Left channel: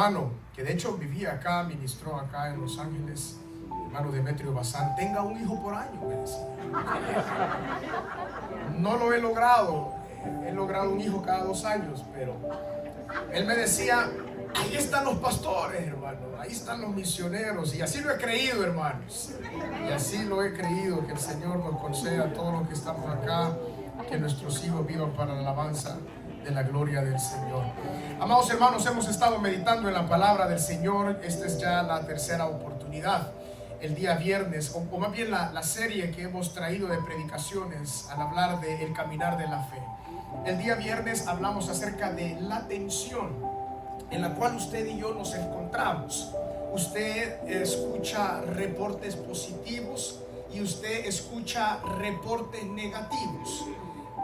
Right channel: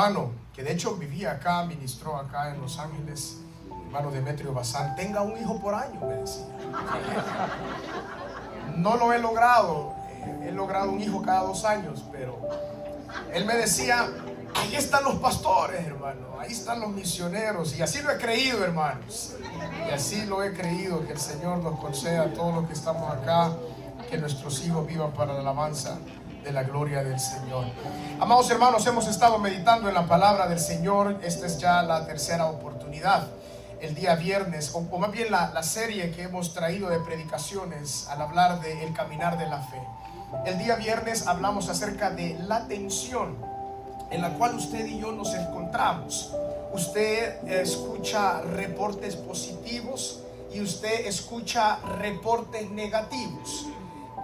hermano, que de hecho vivía acá, ministró acá en Los Ángeles, hermano Demetrio Bazán, tenga un hijo por año, me decía. No lo he logrado, he logrado un hijo cada 2 años, pero él me decía, ahí están los pastores, hermano, ahí están los misioneros, y así lo he creído, hermanos, y así lo he creído, que el Señor nos conceda a todos los que estamos acá, que nuestros hijos vivan para la alabanza de la gloria del Señor. Amados hermanos, hemos estado meditando en la palabra del Señor. Esta es ya la tercera oportunidad. El día viernes, o más bien la serie que hemos traído de predicaciones al hablar del caminar de la fe. El día viernes hablamos acerca de la tensión en la cual usted y yo nos encontramos. Usted escucha reportes positivos y usted escucha reportes negativos.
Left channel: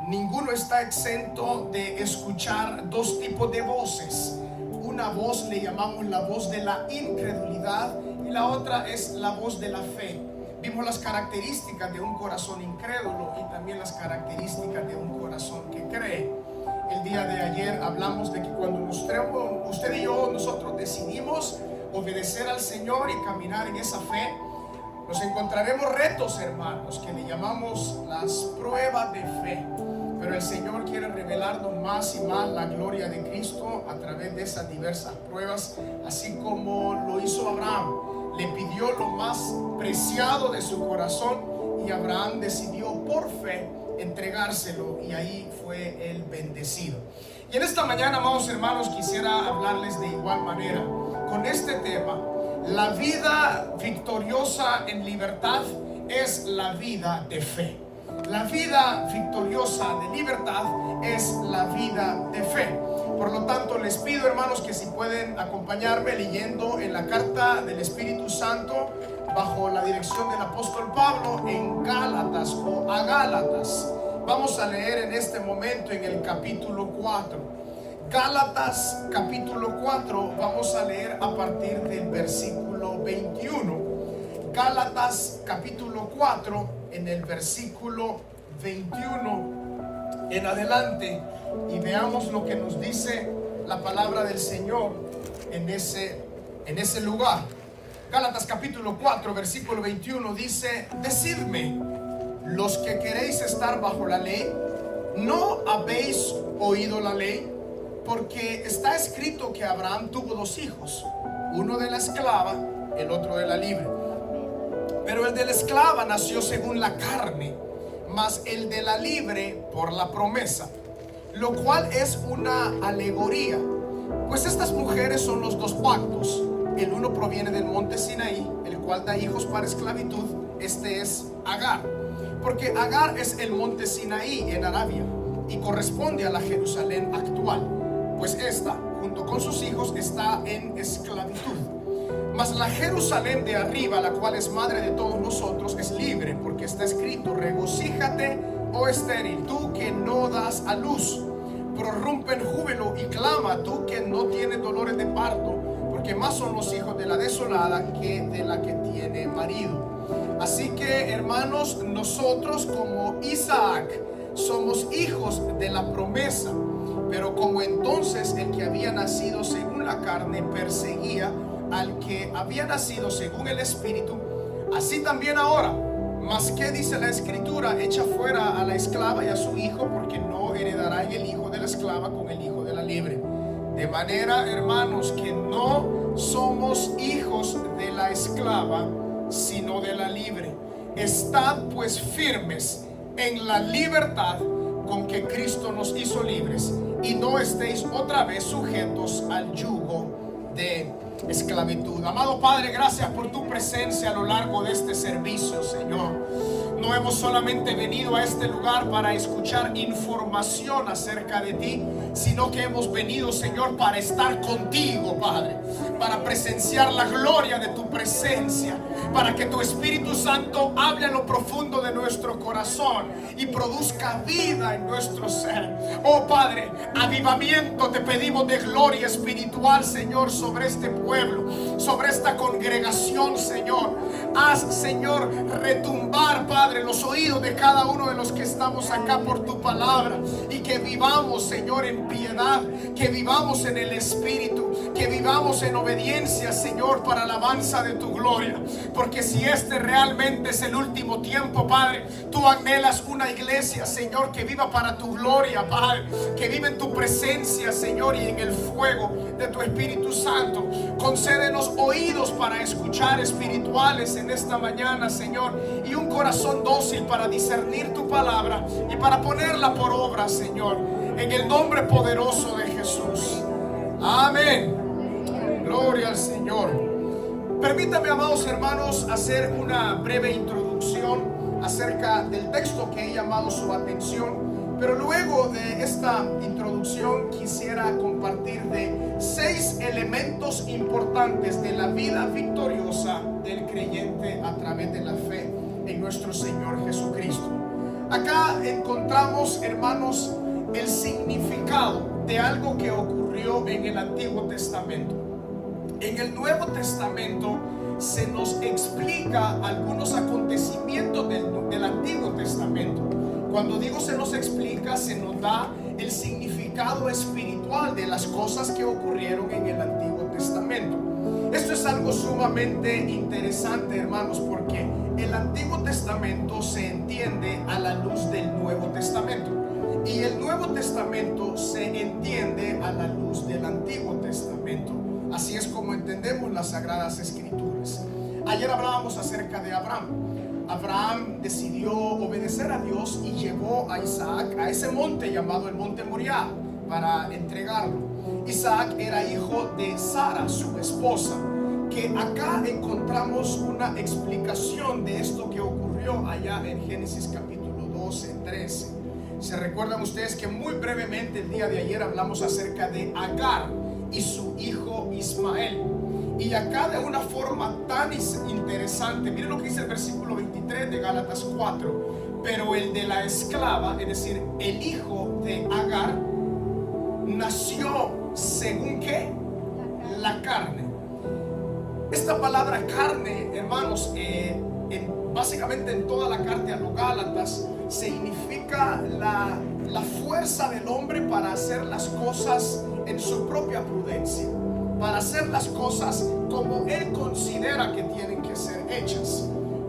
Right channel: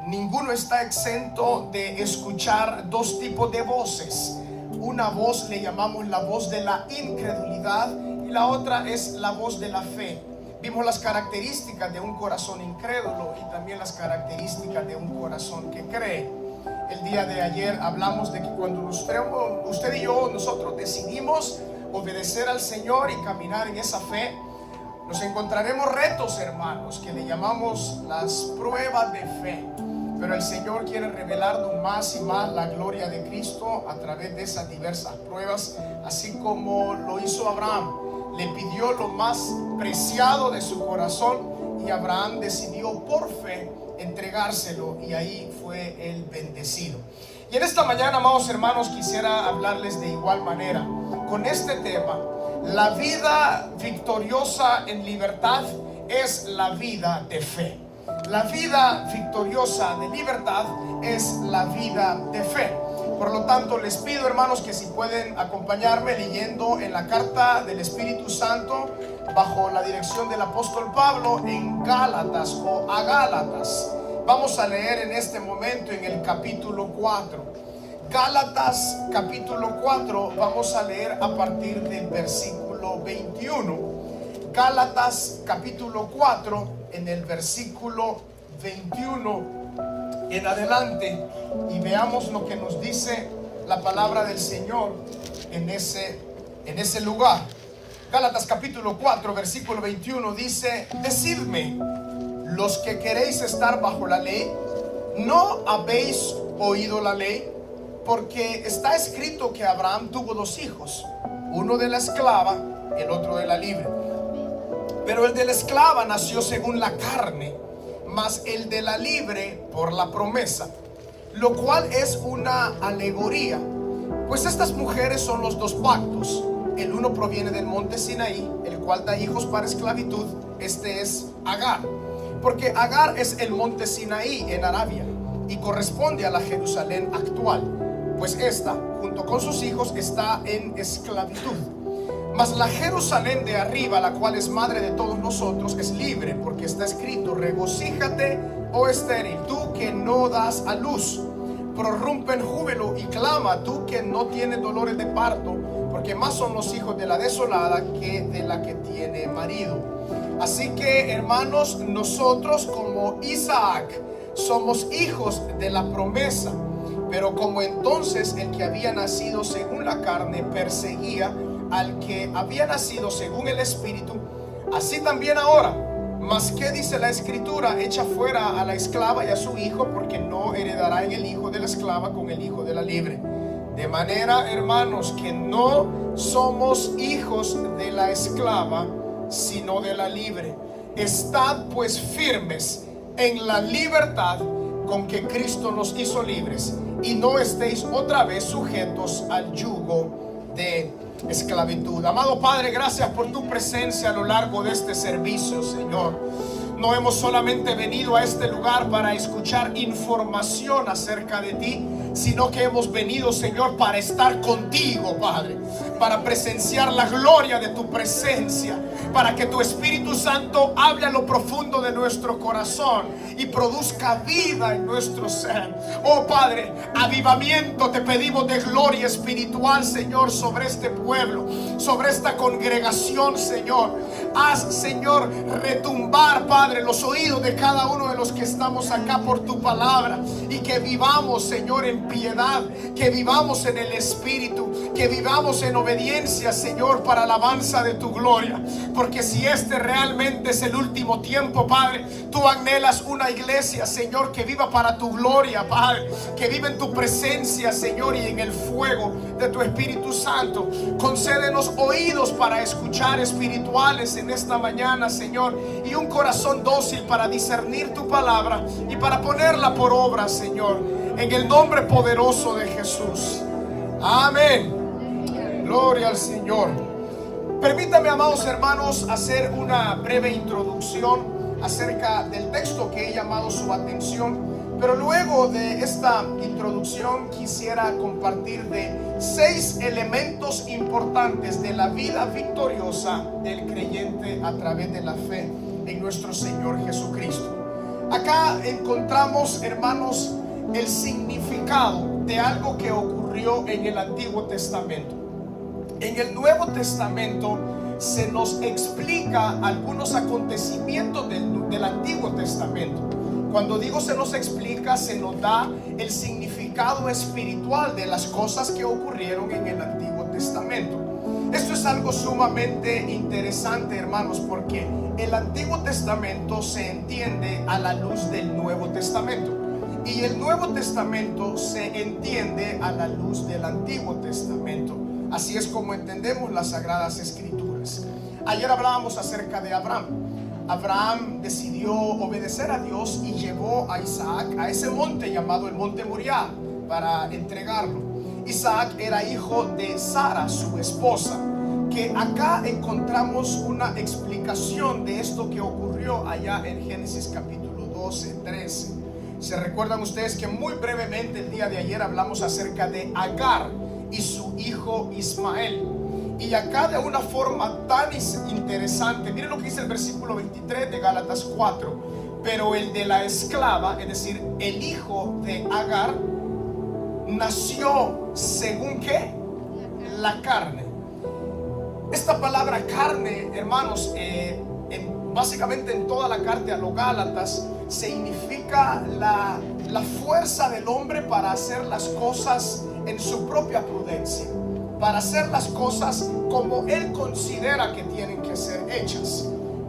Ninguno está exento de escuchar 2 tipos de voces. Una voz le llamamos la voz de la incredulidad y la otra es la voz de la fe. Vimos las características de un corazón incrédulo y también las características de un corazón que cree. El día de ayer hablamos de que cuando usted y yo, nosotros decidimos obedecer al Señor y caminar en esa fe, nos encontraremos retos, hermanos, que le llamamos las pruebas de fe. Pero el Señor quiere revelarnos más y más la gloria de Cristo a través de esas diversas pruebas, así como lo hizo Abraham. Le pidió lo más preciado de su corazón y Abraham decidió por fe entregárselo, y ahí fue él bendecido. Y en esta mañana, amados hermanos, quisiera hablarles de igual manera con este tema. La vida victoriosa en libertad es la vida de fe. La vida victoriosa de libertad es la vida de fe. Por lo tanto, les pido, hermanos, que si pueden acompañarme leyendo en la carta del Espíritu Santo bajo la dirección del apóstol Pablo en Gálatas o a Gálatas. Vamos a leer en este momento en el capítulo 4. Gálatas capítulo 4, vamos a leer a partir del versículo 21. Gálatas capítulo 4, en el versículo 21 en adelante, y veamos lo que nos dice la palabra del Señor en ese lugar. Gálatas capítulo 4, versículo 21 dice: Decidme, los que queréis estar bajo la ley, ¿no habéis oído la ley? Porque está escrito que Abraham tuvo 2 hijos, uno de la esclava, el otro de la libre. Pero el de la esclava nació según la carne, mas el de la libre por la promesa, lo cual es una alegoría. Pues estas mujeres son los 2 pactos. El uno proviene del monte Sinaí, el cual da hijos para esclavitud. Este es Agar, porque Agar es el monte Sinaí en Arabia y corresponde a la Jerusalén actual, pues esta, junto con sus hijos, está en esclavitud. Mas la Jerusalén de arriba, la cual es madre de todos nosotros, es libre, porque está escrito: regocíjate, oh estéril, tú que no das a luz, prorrumpe en júbilo y clama, tú que no tienes dolores de parto, porque más son los hijos de la desolada que de la que tiene marido. Así que, hermanos, nosotros como Isaac somos hijos de la promesa, pero como entonces el que había nacido según la carne perseguía al que había nacido según el Espíritu, así también ahora. Mas ¿qué dice la Escritura? Echa fuera a la esclava y a su hijo, porque no heredará en el hijo de la esclava con el hijo de la libre. De manera, hermanos, que no somos hijos de la esclava, sino de la libre. Estad pues firmes en la libertad con que Cristo nos hizo libres, y no estéis otra vez sujetos al yugo de esclavitud. Amado Padre, gracias por tu presencia a lo largo de este servicio, Señor. No hemos solamente venido a este lugar para escuchar información acerca de ti, sino que hemos venido, Señor, para estar contigo, Padre, para presenciar la gloria de tu presencia, para que tu Espíritu Santo hable a lo profundo de nuestro corazón y produzca vida en nuestro ser. Oh Padre, avivamiento te pedimos de gloria espiritual, Señor, sobre este pueblo, sobre esta congregación, Señor. Haz, Señor, retumbar, Padre, Padre, los oídos de cada uno de los que estamos acá por tu palabra, y que vivamos, Señor, en piedad, que vivamos en el Espíritu, que vivamos en obediencia, Señor, para alabanza de tu gloria. Porque si este realmente es el último tiempo, Padre, tú anhelas una iglesia, Señor, que viva para tu gloria, Padre, que viva en tu presencia, Señor, y en el fuego de tu Espíritu Santo. Concédenos oídos para escuchar espirituales en esta mañana, Señor, y un corazón dócil para discernir tu palabra y para ponerla por obra, Señor, en el nombre poderoso de Jesús. Amén. Gloria al Señor. Permítame, amados hermanos, hacer una breve introducción acerca del texto que he llamado su atención. Pero luego de esta introducción quisiera compartir de 6 elementos importantes de la vida victoriosa del creyente a través de la fe en nuestro Señor Jesucristo. Acá encontramos, hermanos, el significado de algo que ocurrió en el Antiguo Testamento. En el Nuevo Testamento se nos explica algunos acontecimientos del Antiguo Testamento. Cuando digo se nos explica, se nos da el significado espiritual de las cosas que ocurrieron en el Antiguo Testamento. Esto es algo sumamente interesante, hermanos, porque el Antiguo Testamento se entiende a la luz del Nuevo Testamento, y el Nuevo Testamento se entiende a la luz del Antiguo Testamento. Así es como entendemos las Sagradas Escrituras. Ayer hablábamos acerca de Abraham. Abraham decidió obedecer a Dios y llevó a Isaac a ese monte llamado el monte Moriah para entregarlo. Isaac era hijo de Sara, su esposa, que acá encontramos una explicación de esto que ocurrió allá en Génesis capítulo 12, 13. Se recuerdan ustedes que muy brevemente el día de ayer hablamos acerca de Agar y su hijo Ismael. Y acá de una forma tan interesante, miren lo que dice el versículo 23 de Gálatas 4. Pero el de la esclava, es decir, el hijo de Agar, nació según ¿qué? La carne. Esta palabra carne, hermanos, básicamente en toda la carta a los Gálatas, significa la fuerza del hombre para hacer las cosas en su propia prudencia, para hacer las cosas como él considera que tienen que ser hechas.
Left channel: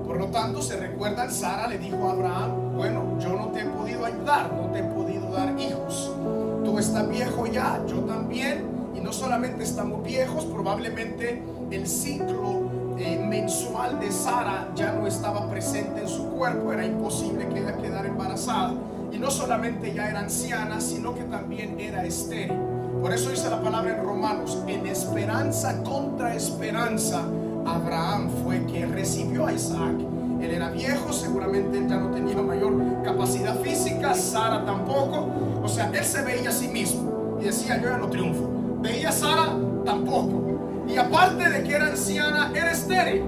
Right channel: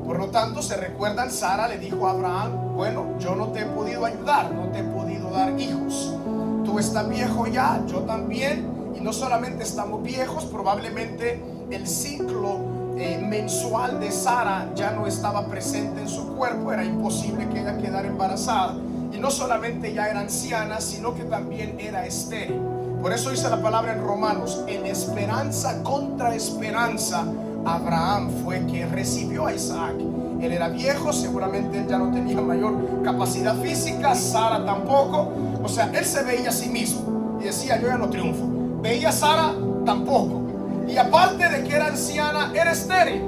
Por lo tanto, se recuerdan, Sara le dijo a Abraham: bueno, yo no te he podido ayudar, no te he podido dar hijos. Tú estás viejo ya, yo también, y no solamente estamos viejos, probablemente el ciclo mensual de Sara ya no estaba presente en su cuerpo, era imposible que ella quedara embarazada, y no solamente ya era anciana, sino que también era estéril. Por eso dice la palabra en Romanos: en esperanza contra esperanza, Abraham fue que recibió a Isaac. Él era viejo, seguramente él ya no tenía mayor capacidad física, Sara tampoco. O sea, él se veía a sí mismo y decía: yo ya no triunfo. Veía a Sara, tampoco. Y aparte de que era anciana, era estéril.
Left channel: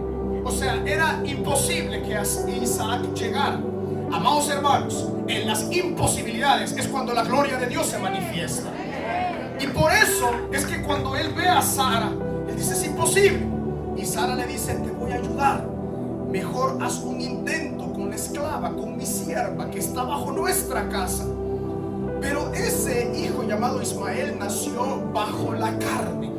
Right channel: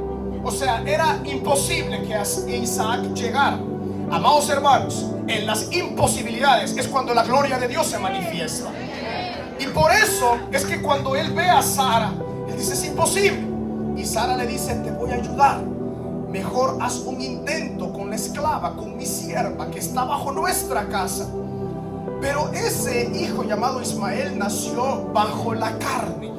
O sea, era imposible que Isaac llegara. Amados hermanos, en las imposibilidades es cuando la gloria de Dios se manifiesta. Y por eso es que cuando él ve a Sara, él dice: es imposible. Y Sara le dice: te voy a ayudar. Mejor haz un intento con la esclava, con mi sierva, que está bajo nuestra casa. Pero ese hijo llamado Ismael nació bajo la carne,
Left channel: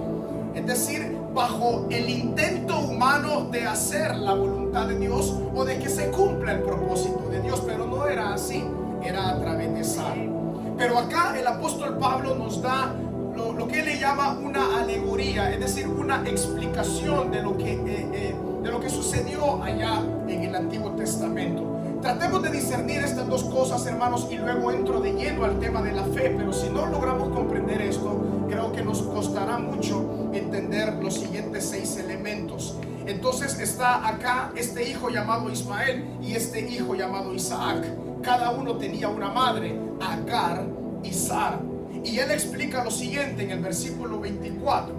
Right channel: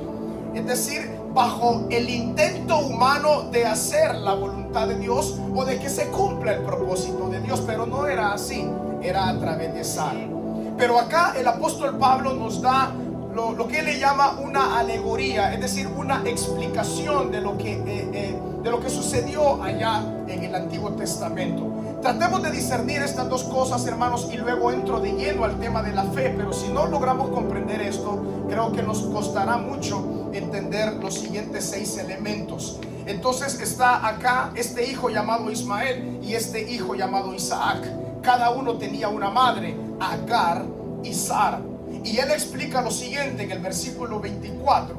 es decir, bajo el intento humano de hacer la voluntad de Dios o de que se cumpla el propósito de Dios. Pero no era así, era a través de Sara. Pero acá el apóstol Pablo nos da lo que él le llama una alegoría, es decir, una explicación de lo que sucedió allá en el Antiguo Testamento. Tratemos de discernir estas dos cosas, hermanos, y luego entro de lleno al tema de la fe. Pero si no logramos comprender esto, creo que nos costará mucho entender los siguientes 6 elementos. Entonces está acá este hijo llamado Ismael y este hijo llamado Isaac. Cada uno tenía una madre, Agar y Sara. Y él explica lo siguiente en el versículo 24.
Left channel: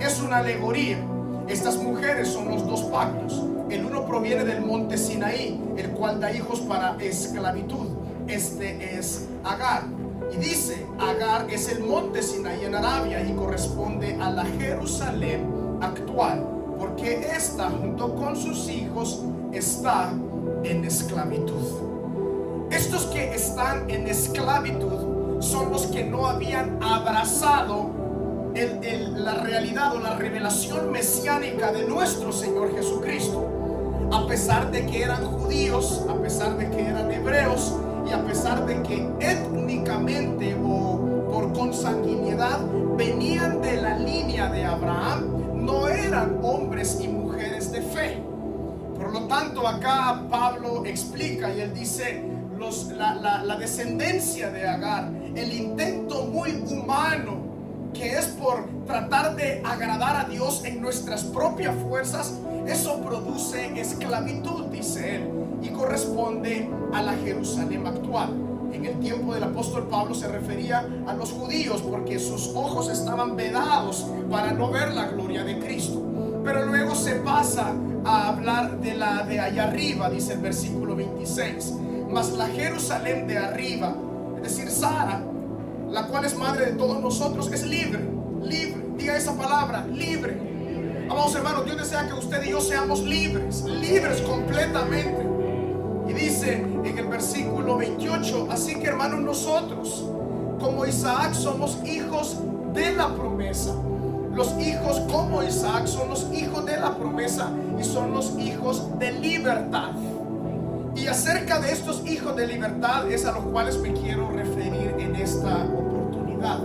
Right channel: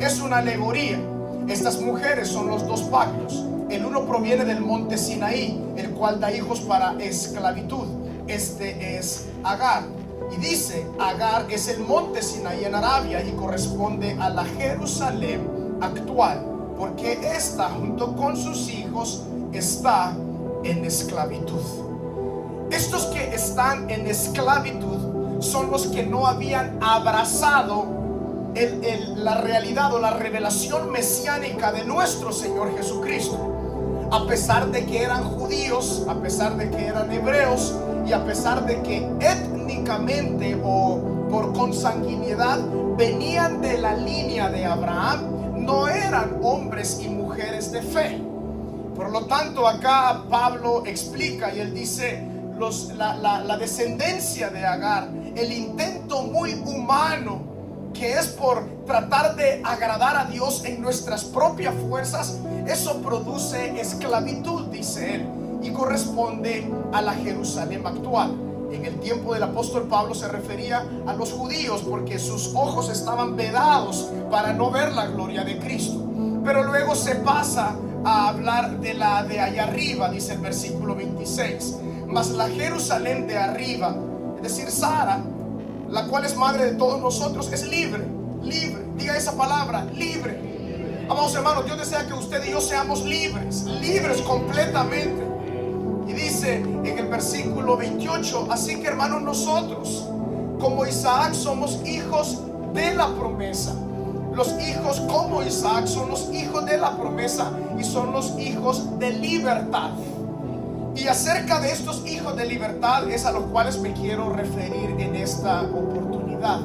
Es una alegoría. Estas mujeres son los 2 pactos. El uno proviene del monte Sinaí, el cual da hijos para esclavitud. Este es Agar. Y dice: Agar es el monte Sinaí en Arabia y corresponde a la Jerusalén actual, porque esta junto con sus hijos está en esclavitud. Estos que están en esclavitud son los que no habían abrazado la realidad o la revelación mesiánica de nuestro Señor Jesucristo. A pesar de que eran judíos, a pesar de que eran hebreos, y a pesar de que étnicamente o por consanguinidad venían de la línea de Abraham, no eran hombres y mujeres de fe. Por lo tanto, acá Pablo explica y él dice, la descendencia de Agar, el intento muy humano que es por tratar de agradar a Dios en nuestras propias fuerzas, eso produce esclavitud, dice él, y corresponde a la Jerusalén actual. En el tiempo del apóstol Pablo se refería a los judíos porque sus ojos estaban vedados para no ver la gloria de Cristo. Pero luego se pasa a hablar de la de allá arriba, dice el versículo 26. Mas la Jerusalén de arriba, es decir, Sara, la cual es madre de todos nosotros, es libre. Libre, diga esa palabra, libre. Amados hermanos, Dios desea que usted y yo seamos libres, libres completamente. Y dice en el versículo 28, así que hermanos, nosotros como Isaac somos hijos de la promesa. Los hijos como Isaac son los hijos de la promesa y son los hijos de libertad. Y acerca de estos hijos de libertad es a los cuales me quiero referir en esta oportunidad.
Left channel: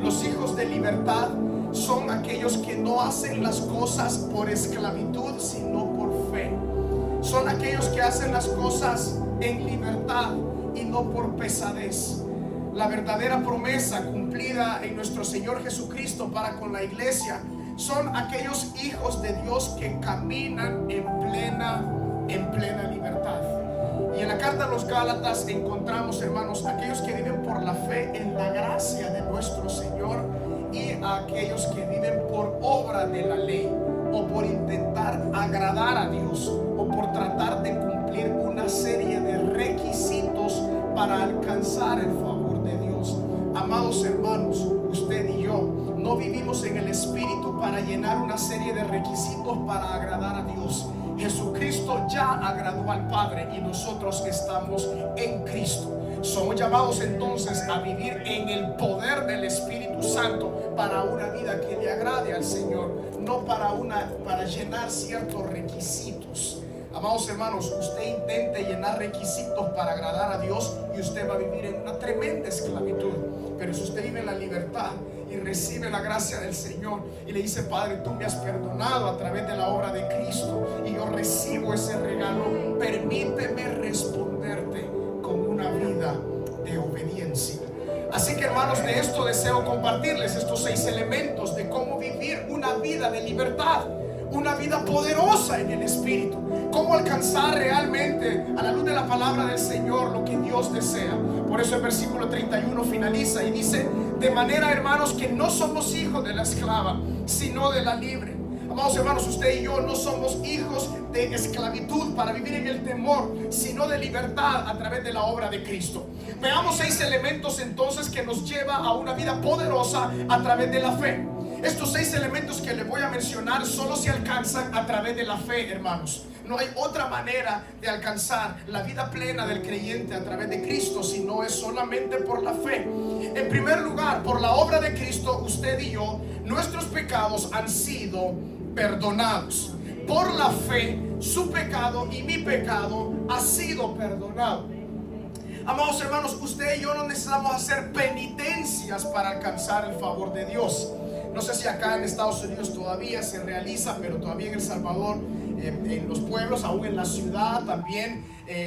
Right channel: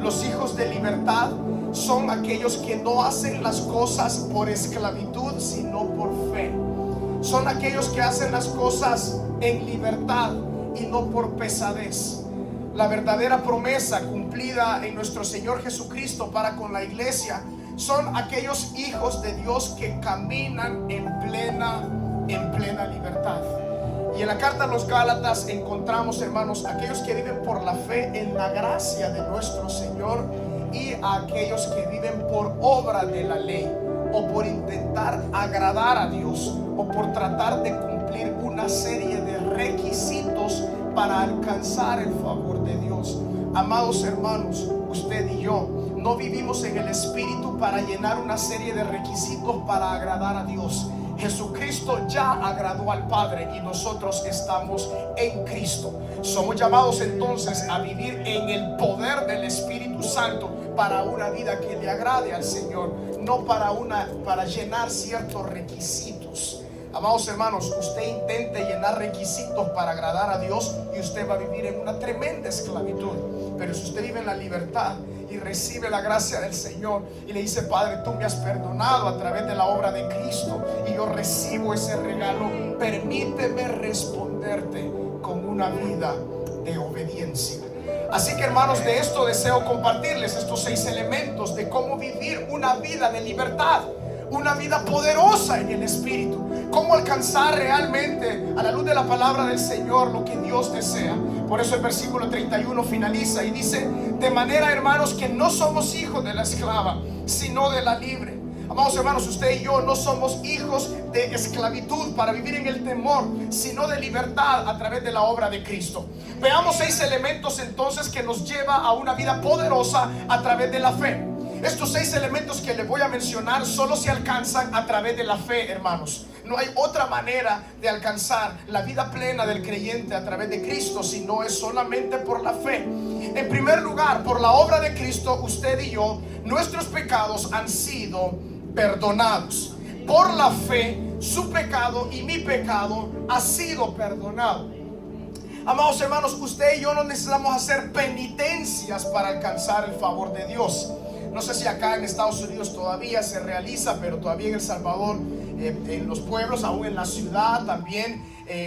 Los hijos de libertad son aquellos que no hacen las cosas por esclavitud, sino por fe. Son aquellos que hacen las cosas en libertad y no por pesadez. La verdadera promesa cumplida en nuestro Señor Jesucristo para con la iglesia son aquellos hijos de Dios que caminan en plena libertad. Y en la carta a los Gálatas encontramos, hermanos, aquellos que viven por la fe en la gracia de nuestro Señor y a aquellos que viven por obra de la ley o por intentar agradar a Dios o por tratar de cumplir una serie de requisitos para alcanzar el favor de Dios. Amados hermanos, usted y yo no vivimos en el Espíritu para llenar una serie de requisitos para agradar a Dios. Jesucristo ya agradó al Padre y nosotros estamos en Cristo. Somos llamados entonces a vivir en el poder del Espíritu Santo para una vida que le agrade al Señor, no para llenar ciertos requisitos. Amados hermanos, usted intente llenar requisitos para agradar a Dios y usted va a vivir en una tremenda esclavitud. Pero si usted vive en la libertad y recibe la gracia del Señor y le dice: Padre, tú me has perdonado a través de la obra de Cristo y yo recibo ese regalo, permíteme responderte con una vida de obediencia. Así que, hermanos, de esto deseo compartirles estos 6 elementos de cómo vivir una vida de libertad, una vida poderosa en el Espíritu, cómo alcanzar realmente a la luz de la palabra del Señor lo que Dios desea. Por eso el versículo 31 finaliza y dice: de manera, hermanos, que no somos hijos de la esclava, sino de la libre. Amados hermanos, usted y yo no somos hijos de esclavitud para vivir en el temor, sino de libertad a través de la obra de Cristo. Veamos 6 elementos entonces que nos lleva a una vida poderosa a través de la fe. Estos 6 elementos que les voy a mencionar solo se alcanzan a través de la fe, hermanos. No hay otra manera de alcanzar la vida plena del creyente a través de Cristo, si no es solamente por la fe. En primer lugar, por la obra de Cristo, usted y yo, nuestros pecados han sido perdonados. Por la fe, su pecado y mi pecado ha sido perdonado. Amados hermanos, usted y yo no necesitamos hacer penitencias para alcanzar el favor de Dios. No sé si acá en Estados Unidos todavía se realiza, pero todavía en El Salvador, en los pueblos, aún en la ciudad también,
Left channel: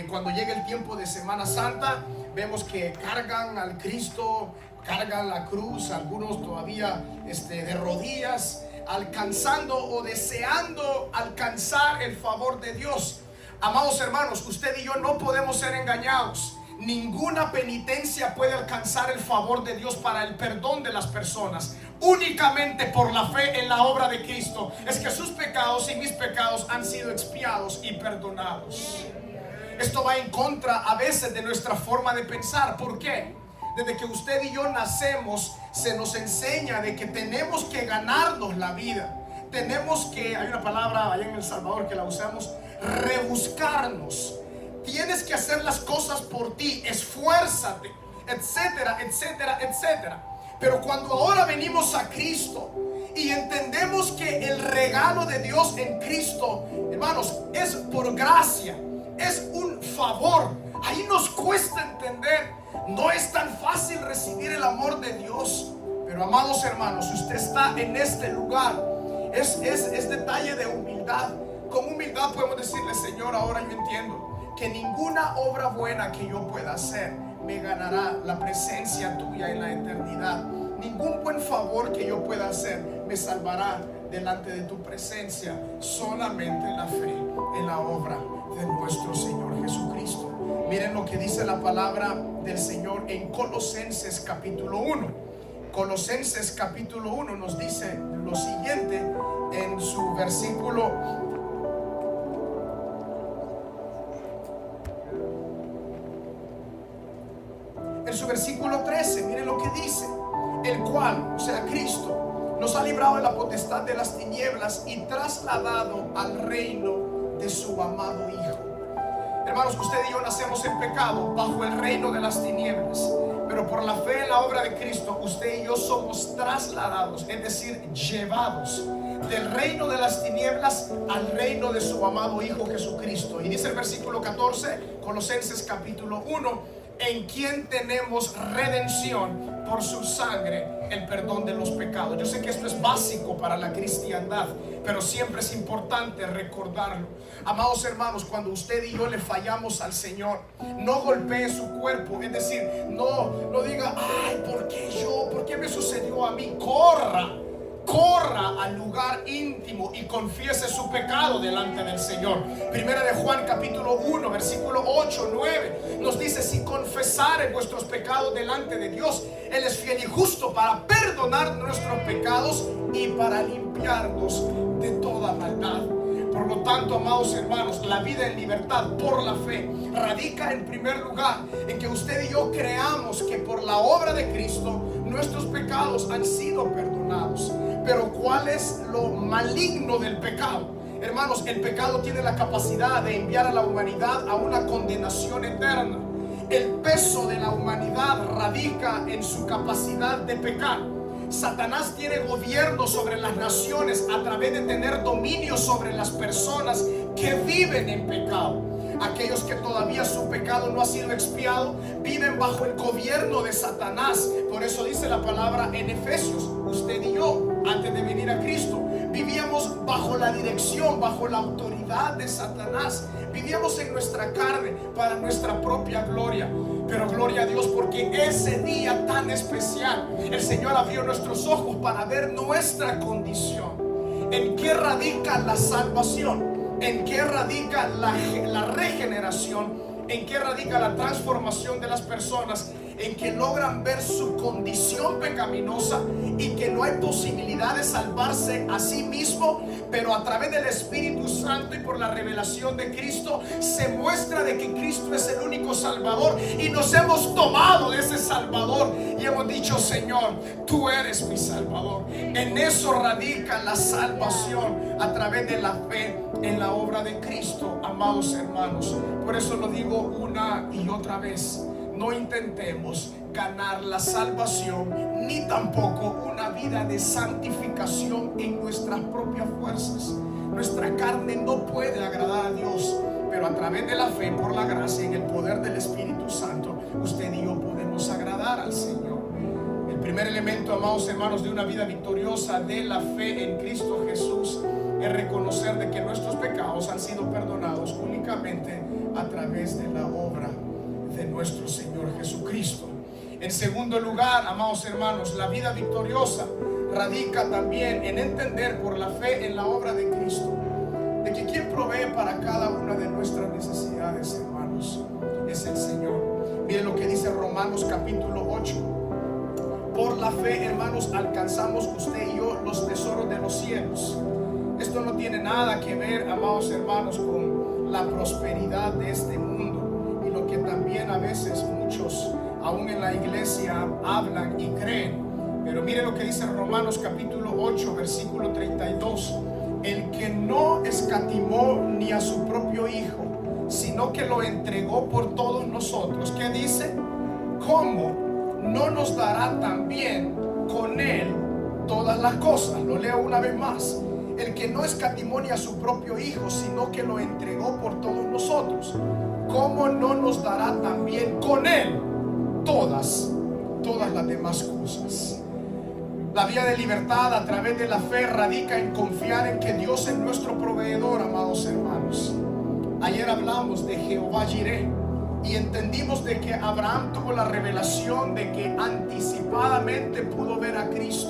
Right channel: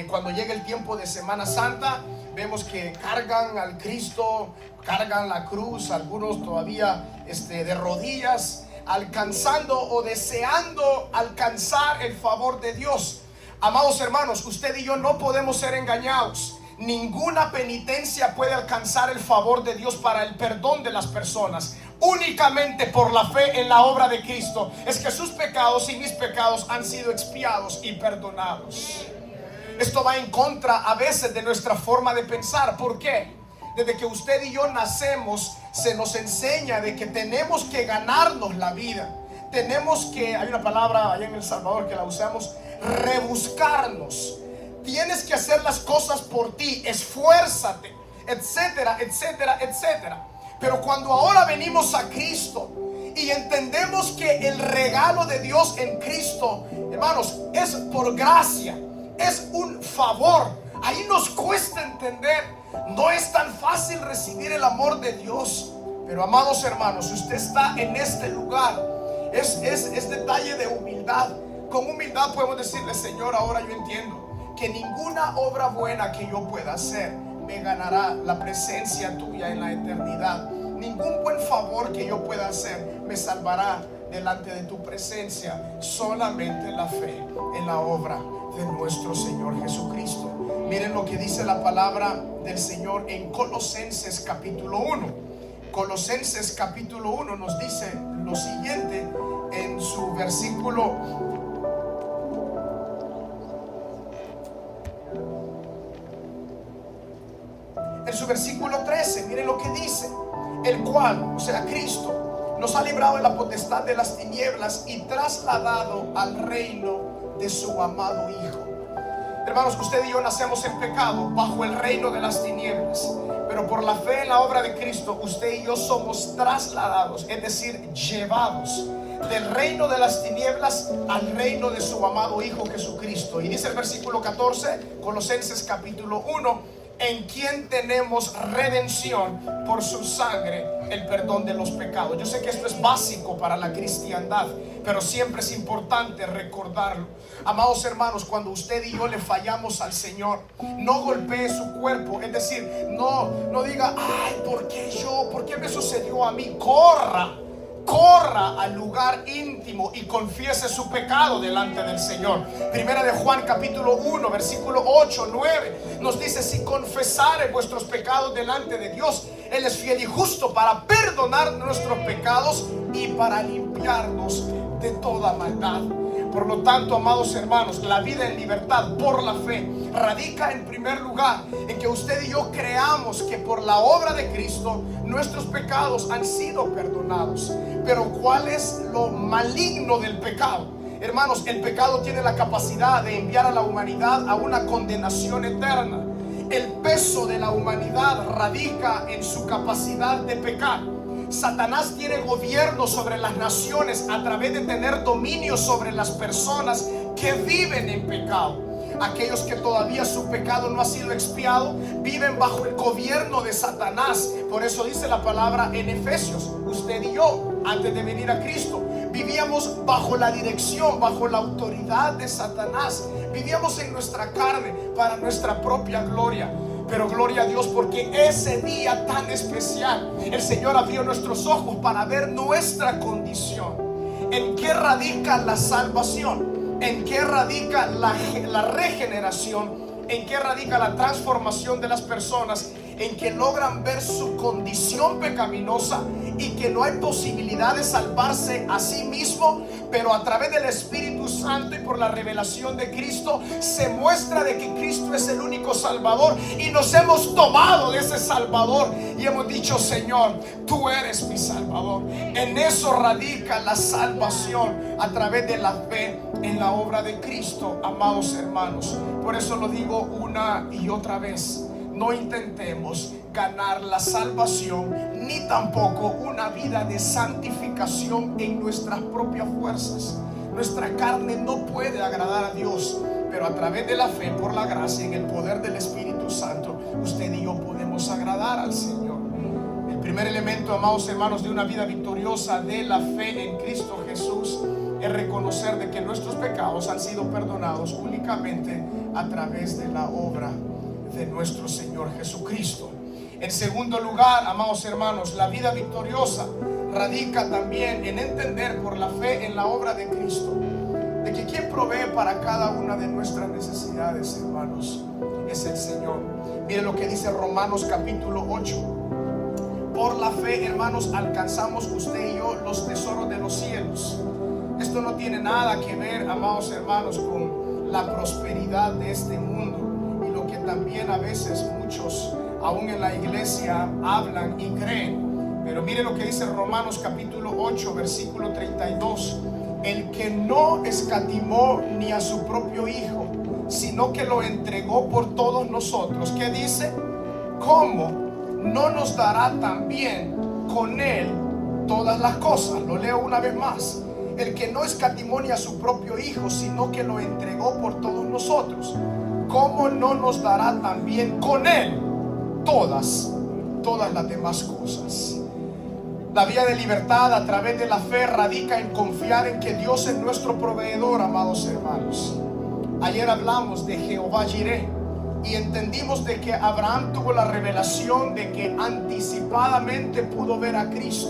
cuando llega el tiempo de Semana Santa, vemos que cargan al Cristo, cargan la cruz, algunos todavía de rodillas, alcanzando o deseando alcanzar el favor de Dios. Amados hermanos, usted y yo no podemos ser engañados. Ninguna penitencia puede alcanzar el favor de Dios para el perdón de las personas. Únicamente por la fe en la obra de Cristo es que sus pecados y mis pecados han sido expiados y perdonados. Esto va en contra a veces de nuestra forma de pensar. ¿Por qué? Desde que usted y yo nacemos, se nos enseña de que tenemos que ganarnos la vida. Tenemos que, hay una palabra allá en El Salvador que la usamos, rebuscarnos. tienes que hacer las cosas por ti, esfuérzate, etcétera, etcétera, etcétera. Pero cuando ahora venimos a Cristo y entendemos que el regalo de Dios en Cristo, hermanos, es por gracia, es un favor, ahí nos cuesta entender. No es tan fácil recibir el amor de Dios. Pero amados hermanos, usted está en este lugar. Es detalle de humildad. Con humildad podemos decirle: Señor, ahora yo entiendo que ninguna obra buena que yo pueda hacer me ganará la presencia tuya en la eternidad. Ningún buen favor que yo pueda hacer me salvará delante de tu presencia. Solamente la fe en la obra de nuestro Señor Jesucristo. Miren lo que dice la palabra del Señor en Colosenses capítulo 1. Colosenses capítulo 1 nos dice lo siguiente en su versículo 13. Miren lo que dice: el cual, o sea, Cristo, nos ha librado de la potestad de las tinieblas y trasladado al reino de su amado Hijo. Hermanos, usted y yo nacemos en pecado, bajo el reino de las tinieblas, pero por la fe en la obra de Cristo, usted y yo somos trasladados, es decir, llevados del reino de las tinieblas al reino de su amado Hijo Jesucristo. Y dice el versículo 14, Colosenses capítulo 1: en quien tenemos redención por su sangre, el perdón de los pecados. Yo sé que esto es básico para la cristiandad, pero siempre es importante recordarlo. Amados hermanos, cuando usted y yo le fallamos al Señor, no golpee su cuerpo, es decir, no diga: ay, ¿por qué yo? ¿Por qué me sucedió a mí? Corra al lugar íntimo y confiese su pecado delante del Señor. Primera de Juan capítulo 1 versículo 8, 9 nos dice: si confesare vuestros pecados delante de Dios, Él es fiel y justo para perdonar nuestros pecados y para limpiarnos de toda maldad. Por lo tanto, amados hermanos, la vida en libertad por la fe radica en primer lugar en que usted y yo creamos que por la obra de Cristo nuestros pecados han sido perdonados. Pero ¿cuál es lo maligno del pecado? Hermanos, el pecado tiene la capacidad de enviar a la humanidad a una condenación eterna. El peso de la humanidad radica en su capacidad de pecar. Satanás tiene gobierno sobre las naciones a través de tener dominio sobre las personas que viven en pecado. Aquellos que todavía su pecado no ha sido expiado viven bajo el gobierno de Satanás. Por eso dice la palabra en Efesios: usted y yo, antes de venir a Cristo, vivíamos bajo la dirección, bajo la autoridad de Satanás. Vivíamos en nuestra carne para nuestra propia gloria. Pero gloria a Dios, porque ese día tan especial el Señor abrió nuestros ojos para ver nuestra condición. ¿En qué radica la salvación? ¿En qué radica la regeneración? ¿En qué radica la transformación de las personas? En que logran ver su condición pecaminosa y que no hay posibilidad de salvarse a sí mismo, pero a través del Espíritu Santo y por la revelación de Cristo se muestra de que Cristo es el único Salvador, y nos hemos tomado de ese Salvador y hemos dicho: Señor, tú eres mi Salvador. En eso radica la salvación, a través de la fe en la obra de Cristo, amados hermanos. Por eso lo digo una y otra vez: no intentemos ganar la salvación, ni tampoco una vida de santificación en nuestras propias fuerzas. Nuestra carne no puede agradar a Dios, pero a través de la fe, por la gracia, en el poder del Espíritu Santo, usted y yo podemos agradar al Señor. El primer elemento, amados hermanos, de una vida victoriosa de la fe en Cristo Jesús es reconocer de que nuestros pecados han sido perdonados únicamente a través de la obra de nuestro Señor Jesucristo. En segundo lugar, amados hermanos, la vida victoriosa radica también en entender por la fe en la obra de Cristo de que quien provee para cada una de nuestras necesidades, hermanos, es el Señor. Miren lo que dice Romanos capítulo 8: por la fe, hermanos, alcanzamos usted y yo los tesoros de los cielos. Esto no tiene nada que ver, amados hermanos, con la prosperidad de este mundo, y lo que también a veces muchos, aún en la iglesia, hablan y creen. Pero miren lo que dice Romanos capítulo 8 versículo 32: el que no escatimó ni a su propio Hijo, sino que lo entregó por todos nosotros. ¿Qué dice? ¿Cómo no nos dará también con Él todas las cosas? Lo leo una vez más. El que no escatimó ni a su propio Hijo, sino que lo entregó por todos nosotros, ¿cómo no nos dará también con Él todas las demás cosas? La vía de libertad a través de la fe radica en confiar en que Dios es nuestro proveedor, amados hermanos. Ayer hablamos de Jehová Jireh y entendimos de que Abraham tuvo la revelación de que anticipadamente pudo ver a Cristo.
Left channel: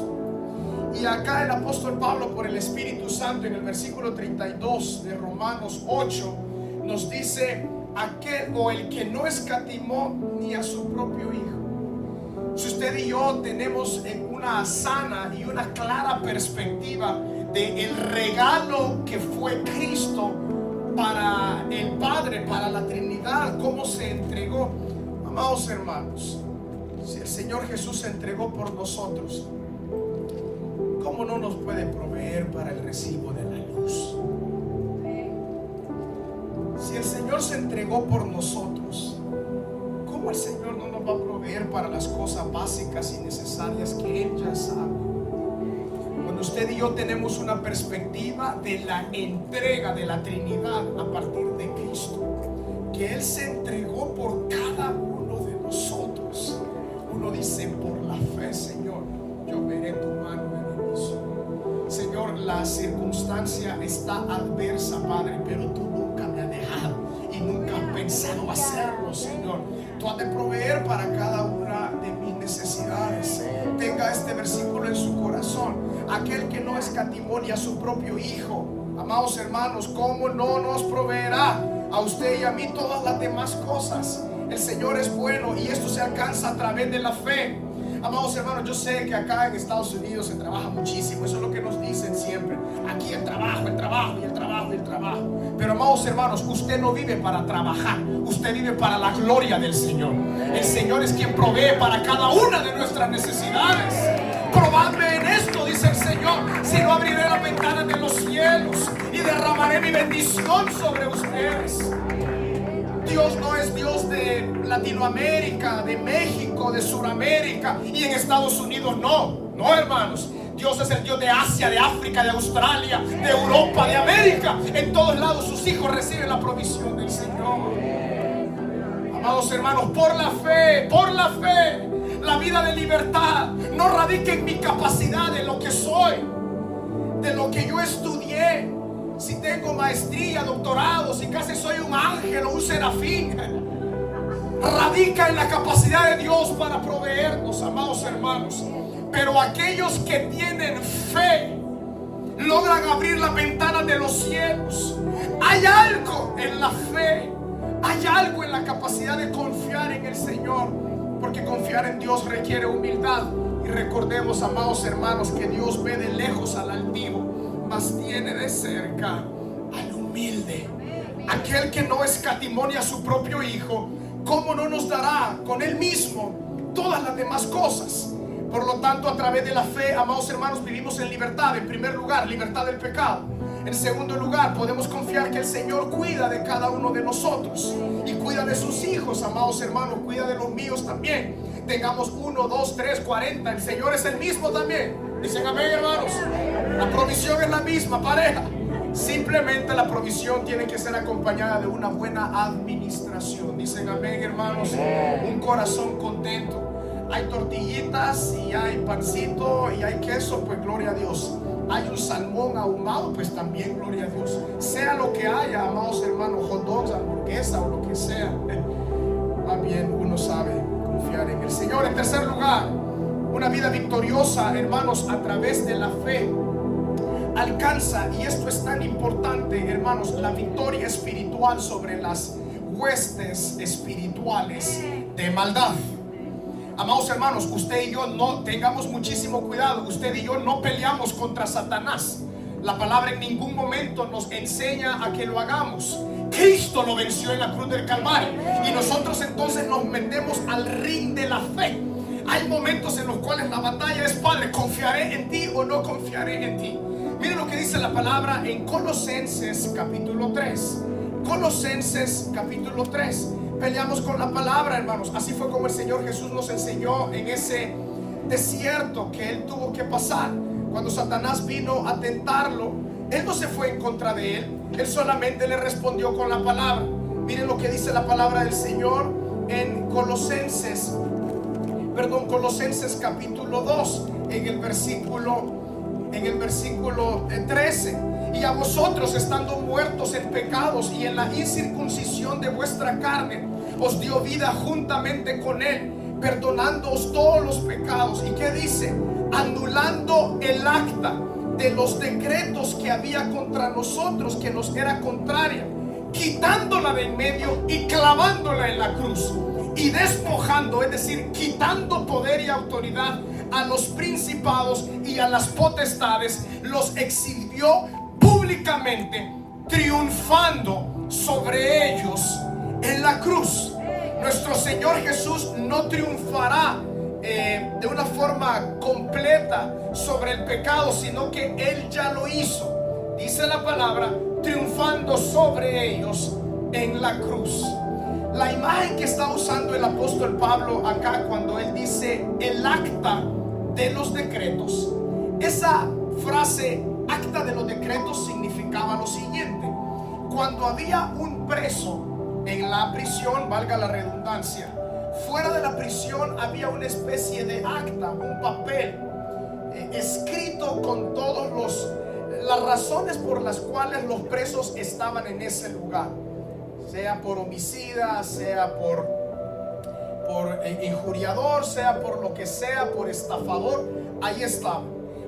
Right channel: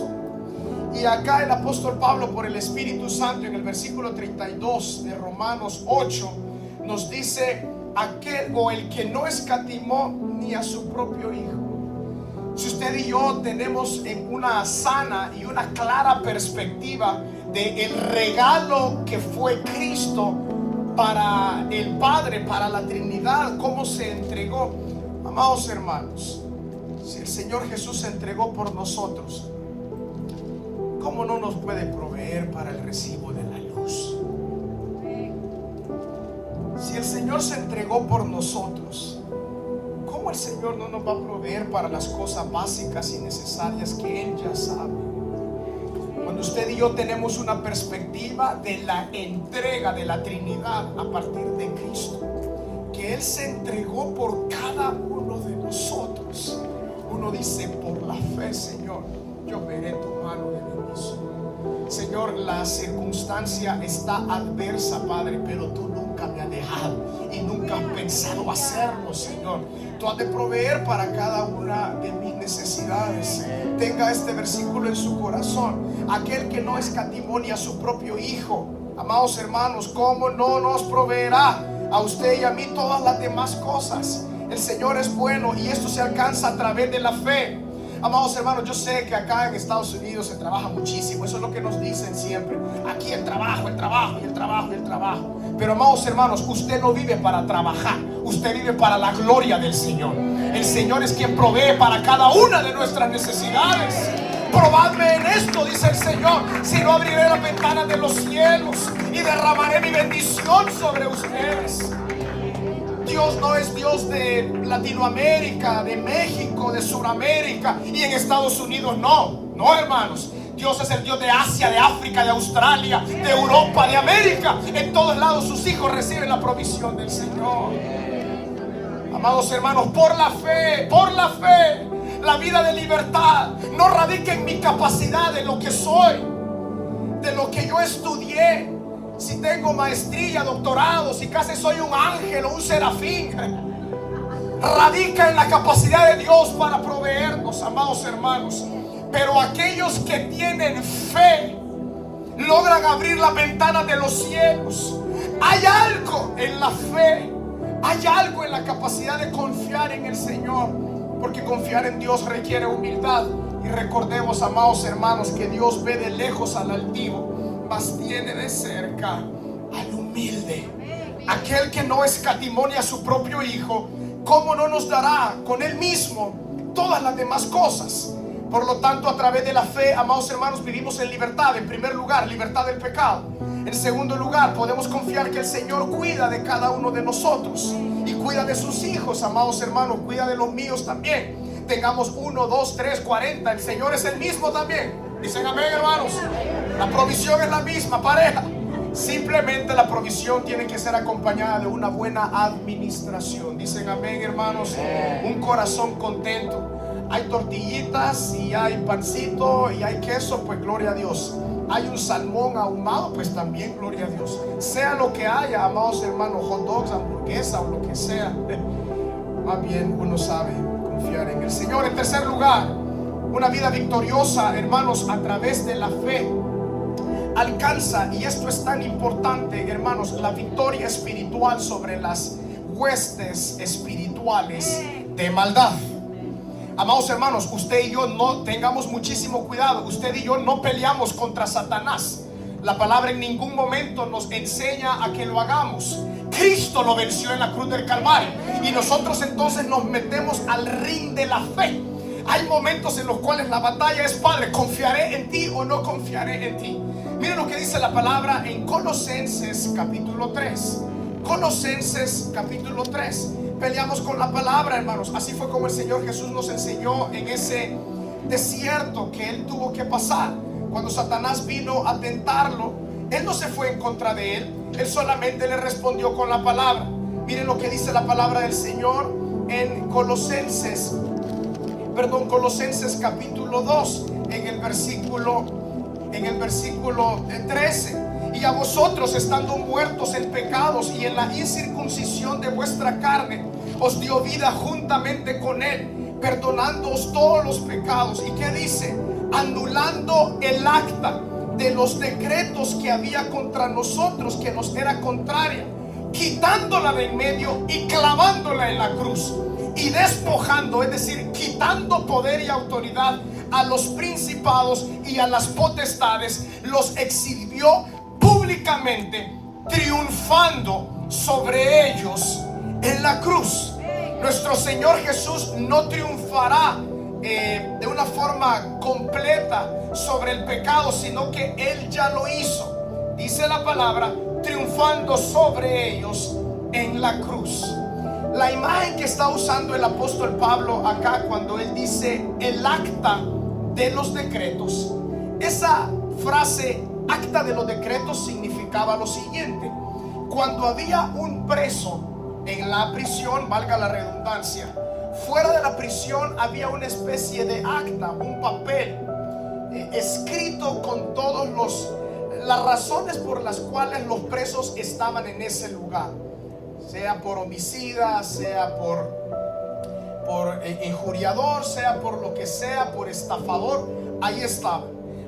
Y acá el apóstol Pablo, por el Espíritu Santo, en el versículo 32 de Romanos 8, nos dice: aquel o el que no escatimó ni a su propio Hijo. Si usted y yo tenemos en una sana y una clara perspectiva de el regalo que fue Cristo para el Padre, para la Trinidad, cómo se entregó, amados hermanos, si el Señor Jesús se entregó por nosotros, ¿cómo no nos puede proveer para el recibo de la luz? Si el Señor se entregó por nosotros, ¿cómo el Señor no nos va a proveer para las cosas básicas y necesarias que Él ya sabe? Cuando usted y yo tenemos una perspectiva de la entrega de la Trinidad a partir de Cristo, que Él se entregó por cada uno de nosotros, uno dice: por la fe, Señor, yo veré tu mano de bendición. Señor, la circunstancia está adversa, Padre, pero tú nunca me has dejado y nunca has pensado hacerlo, Señor. Tú has de proveer para cada una de mis necesidades. Tenga este versículo en su corazón: aquel que no escatimó ni a su propio Hijo, amados hermanos, ¿cómo no nos proveerá a usted y a mí todas las demás cosas? El Señor es bueno y esto se alcanza a través de la fe. Amados hermanos, yo sé que acá en Estados Unidos se trabaja muchísimo. Eso es lo que nos dicen siempre. Aquí el trabajo, el trabajo y el trabajo y el trabajo. Pero amados hermanos, usted no vive para trabajar. Usted vive para la gloria del Señor. El Señor es quien provee para cada una de nuestras necesidades. Probadme en esto, dice el Señor, si no abriré las ventanas de los cielos y derramaré mi bendición sobre ustedes. Dios no es Dios de Latinoamérica, de México, de Sudamérica y en Estados Unidos. No, hermanos. Dios es el Dios de Asia, de África, de Australia, de Europa, de América. En todos lados sus hijos reciben la provisión del Señor. Amados hermanos, por la fe, la vida de libertad no radica en mi capacidad, de lo que soy, de lo que yo estudié. Si tengo maestría, doctorado, si casi soy un ángel o un serafín, radica en la capacidad de Dios para proveernos, amados hermanos. Pero aquellos que tienen fe logran abrir las ventanas de los cielos. Hay algo en la fe, hay algo en la capacidad de confiar en el Señor, porque confiar en Dios requiere humildad. Y recordemos, amados hermanos, que Dios ve de lejos al altivo, mas tiene de cerca al humilde. Aquel que no escatimó ni a su propio Hijo, ¿cómo no nos dará con Él mismo todas las demás cosas? Por lo tanto, a través de la fe, amados hermanos, vivimos en libertad. En primer lugar, libertad del pecado. En segundo lugar, podemos confiar que el Señor cuida de cada uno de nosotros y cuida de sus hijos, amados hermanos, cuida de los míos también. Tengamos 1, 2, 3, 40, el Señor es el mismo también. Dicen amén, hermanos. La provisión es la misma, pareja. Simplemente la provisión tiene que ser acompañada de una buena administración. Dicen amén, hermanos. Un corazón contento. Hay tortillitas y hay pancito y hay queso, pues gloria a Dios. Hay un salmón ahumado, pues también gloria a Dios. Sea lo que haya, amados hermanos, hot dogs, hamburguesa o lo que sea, más bien uno sabe confiar en el Señor. En tercer lugar, una vida victoriosa, hermanos, a través de la fe alcanza, y esto es tan importante, hermanos, la victoria espiritual sobre las huestes espirituales de maldad. Amados hermanos, usted y yo no tengamos muchísimo cuidado. Usted y yo no peleamos contra Satanás. La palabra en ningún momento nos enseña a que lo hagamos. Cristo lo venció en la cruz del Calvario y nosotros entonces nos metemos al ring de la fe. Hay momentos en los cuales la batalla es: Padre, ¿confiaré en ti o no confiaré en ti? Miren lo que dice la palabra en Colosenses capítulo 3 Colosenses capítulo 3. Peleamos con la palabra, hermanos. Así fue como el Señor Jesús nos enseñó en ese desierto que Él tuvo que pasar. Cuando Satanás vino a tentarlo, Él no se fue en contra de Él. Él solamente le respondió con la palabra. Miren lo que dice la palabra del Señor en Colosenses capítulo 2, en el versículo 13. Y a vosotros, estando muertos en pecados y en la incircuncisión de vuestra carne, os dio vida juntamente con Él, perdonándoos todos los pecados. ¿Y qué dice? Anulando el acta de los decretos que había contra nosotros, que nos era contraria, quitándola de en medio y clavándola en la cruz, y despojando, es decir, quitando poder y autoridad a los principados y a las potestades, los exhibió públicamente, triunfando sobre ellos en la cruz. Nuestro Señor Jesús no triunfará de una forma completa sobre el pecado, sino que Él ya lo hizo. Dice la palabra, triunfando sobre ellos en la cruz. La imagen que está usando el apóstol Pablo acá cuando él dice el acta de los decretos, esa frase acta de los decretos significaba lo siguiente: cuando había un preso en la prisión, valga la redundancia, fuera de la prisión había una especie de acta, un papel escrito con todas las razones por las cuales los presos estaban en ese lugar, sea por homicida, sea por injuriador, sea por lo que sea, por estafador, ahí estaba.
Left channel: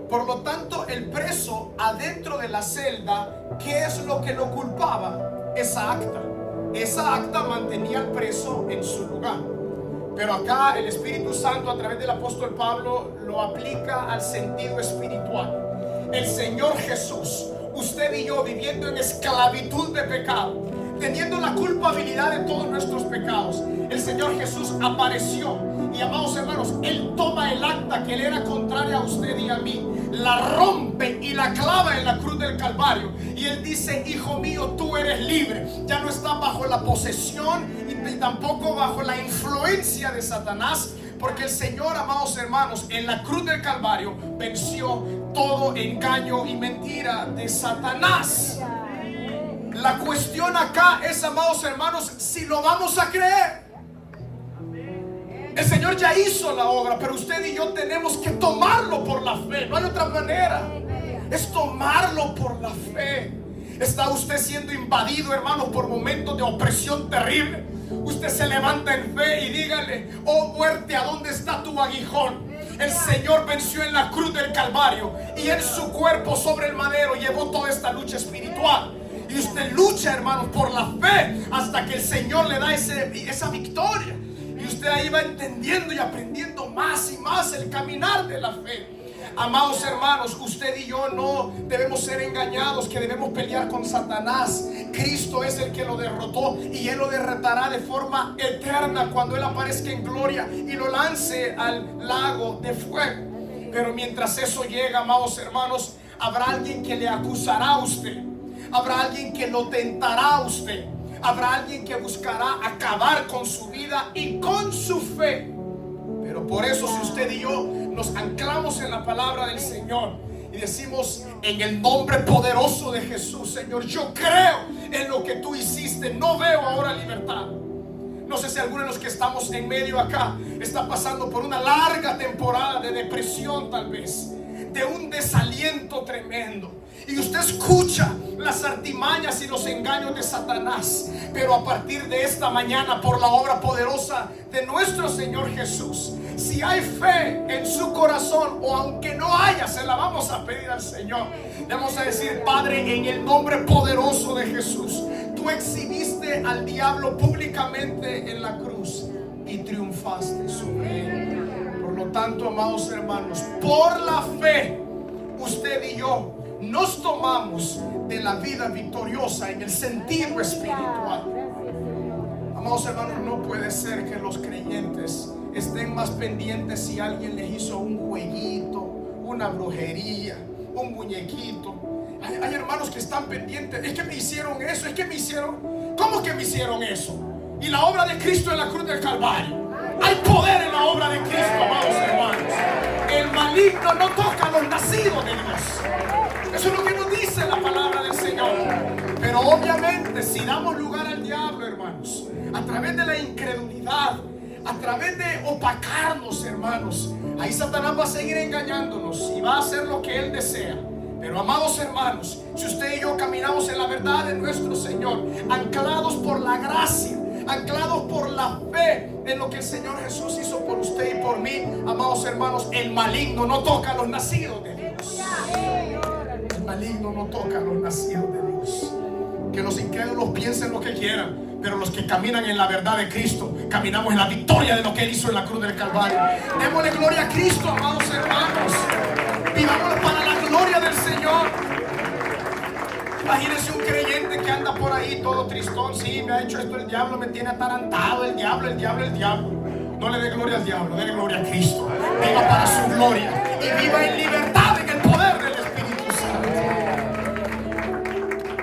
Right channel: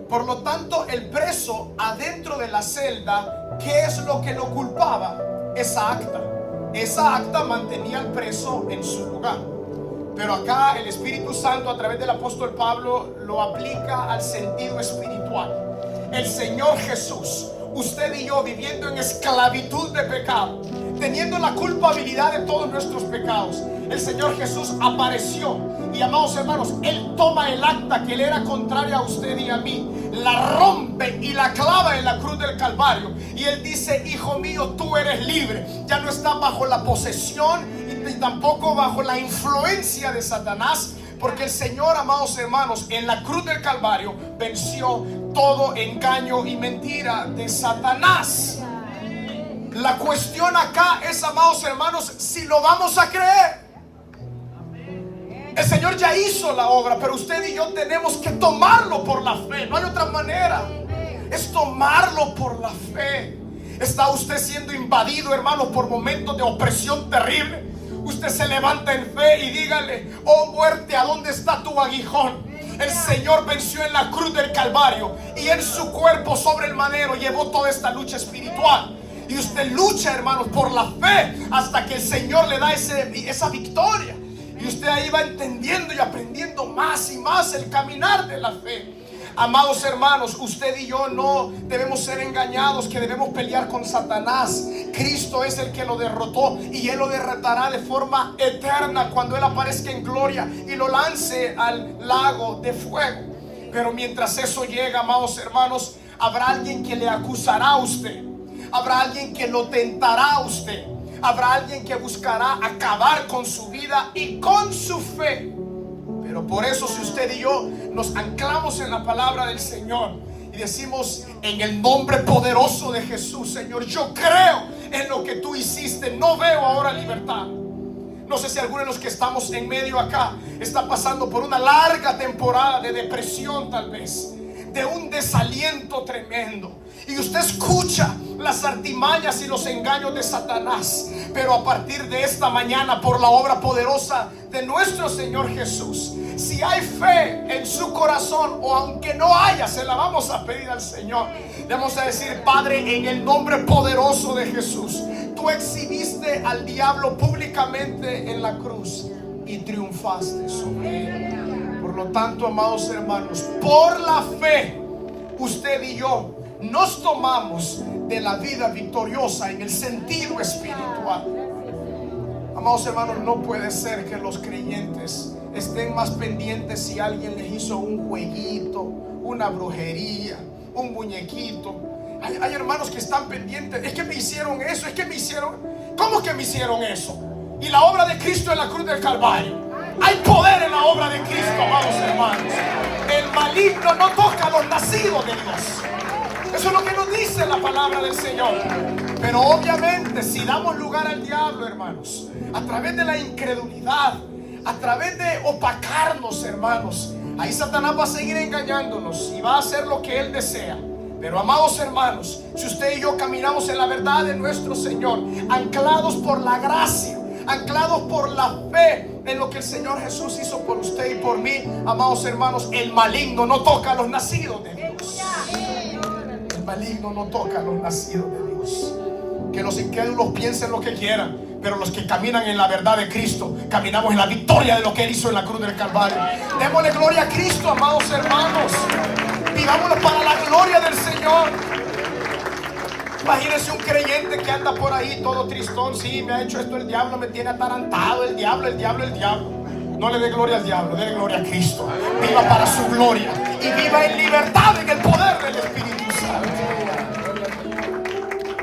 Por lo tanto, el preso adentro de la celda, ¿qué es lo que lo culpaba? Esa acta. Esa acta mantenía al preso en su lugar. Pero acá el Espíritu Santo, a través del apóstol Pablo, lo aplica al sentido espiritual. El Señor Jesús, usted y yo, viviendo en esclavitud de pecado, teniendo la culpabilidad de todos nuestros pecados, el Señor Jesús apareció. Y amados hermanos, Él toma el acta que le era contraria a usted y a mí, la rompe y la clava en la cruz del Calvario. Y Él dice: hijo mío, tú eres libre. Ya no estás bajo la posesión y tampoco bajo la influencia de Satanás, porque el Señor, amados hermanos, en la cruz del Calvario venció todo engaño y mentira de Satanás. La cuestión acá es, amados hermanos, si lo vamos a creer. El Señor ya hizo la obra, pero usted y yo tenemos que tomarlo por la fe. No hay otra manera. Es tomarlo por la fe. ¿Está usted siendo invadido, hermano, por momentos de opresión terrible? Usted se levanta en fe y dígale: oh muerte, ¿a dónde está tu aguijón? El Señor venció en la cruz del Calvario y en su cuerpo sobre el madero llevó toda esta lucha espiritual. Y usted lucha, hermanos, por la fe hasta que el Señor le da esa victoria. Y usted ahí va entendiendo y aprendiendo más y más el caminar de la fe. Amados hermanos, usted y yo no debemos ser engañados que debemos pelear con Satanás. Cristo es el que lo derrotó y Él lo derrotará de forma eterna cuando Él aparezca en gloria y lo lance al lago de fuego. Pero mientras eso llega, amados hermanos, habrá alguien que le acusará a usted. Habrá alguien que lo tentará a usted. Habrá alguien que buscará acabar con su vida y con su fe. Pero por eso, si usted y yo nos anclamos en la palabra del Señor y decimos: en el nombre poderoso de Jesús, Señor, yo creo en lo que tú hiciste, no veo ahora libertad. No sé si alguno de los que estamos en medio acá está pasando por una larga temporada de depresión, tal vez, de un desaliento tremendo, y usted escucha las artimañas y los engaños de Satanás. Pero a partir de esta mañana, por la obra poderosa de nuestro Señor Jesús, si hay fe en su corazón, o aunque no haya, se la vamos a pedir al Señor. Le vamos a decir: Padre, en el nombre poderoso de Jesús, tú exhibiste al diablo públicamente en la cruz y triunfaste sobre él. Por lo tanto, amados hermanos, por la fe, usted y yo nos tomamos de la vida victoriosa en el sentido espiritual. Amados hermanos, no puede ser que los creyentes estén más pendientes si alguien les hizo un jueguito, una brujería, un muñequito. Hay hermanos que están pendientes: es que me hicieron eso, es que me hicieron. ¿Cómo que me hicieron eso? Y la obra de Cristo en la cruz del Calvario. Hay poder en la obra de Cristo, amados hermanos. El maligno no toca a los nacidos de Dios. Eso es lo que nos dice la palabra del Señor. Pero obviamente si damos lugar al diablo, hermanos, a través de la incredulidad, a través de opacarnos, hermanos, ahí Satanás va a seguir engañándonos y va a hacer lo que él desea. Pero amados hermanos, si usted y yo caminamos en la verdad de nuestro Señor, anclados por la gracia, anclados por la fe en lo que el Señor Jesús hizo por usted y por mí, amados hermanos, el maligno no toca a los nacidos de Dios. El maligno no toca a los nacidos de Dios. Que los incrédulos piensen lo que quieran, pero los que caminan en la verdad de Cristo, caminamos en la victoria de lo que Él hizo en la cruz del Calvario. Démosle gloria a Cristo, amados hermanos. Vivámoslo para la gloria del Señor. Imagínense un creyente que anda por ahí todo tristón. Sí, me ha hecho esto el diablo, me tiene atarantado, el diablo. No le dé gloria al diablo, dé gloria a Cristo. Viva para su gloria y viva en libertad en el poder del Espíritu Santo.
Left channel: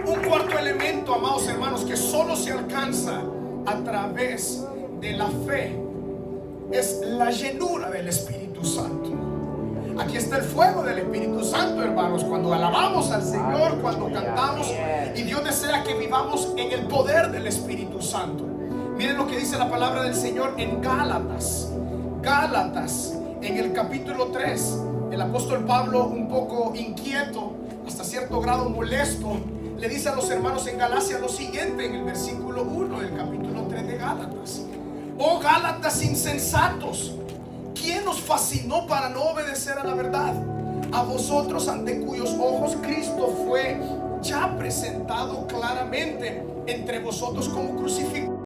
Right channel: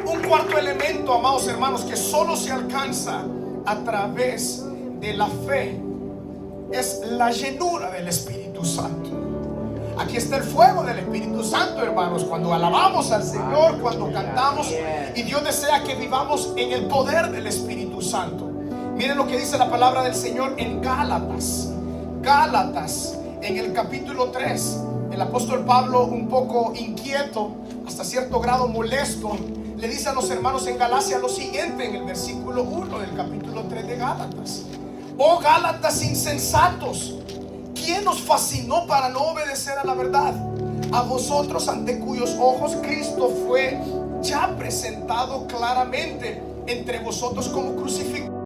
Un cuarto elemento, amados hermanos, que solo se alcanza a través de la fe, es la llenura del Espíritu Santo. Aquí está el fuego del Espíritu Santo, hermanos, cuando alabamos al Señor, cuando cantamos, y Dios desea que vivamos en el poder del Espíritu Santo. Miren lo que dice la palabra del Señor en Gálatas, en el capítulo 3. El apóstol Pablo, un poco inquieto, hasta cierto grado molesto, le dice a los hermanos en Galacia lo siguiente en el versículo 1 del capítulo 3 de Gálatas: oh Gálatas insensatos, ¿quién os fascinó para no obedecer a la verdad? A vosotros, ante cuyos ojos Cristo fue ya presentado claramente entre vosotros como crucificado.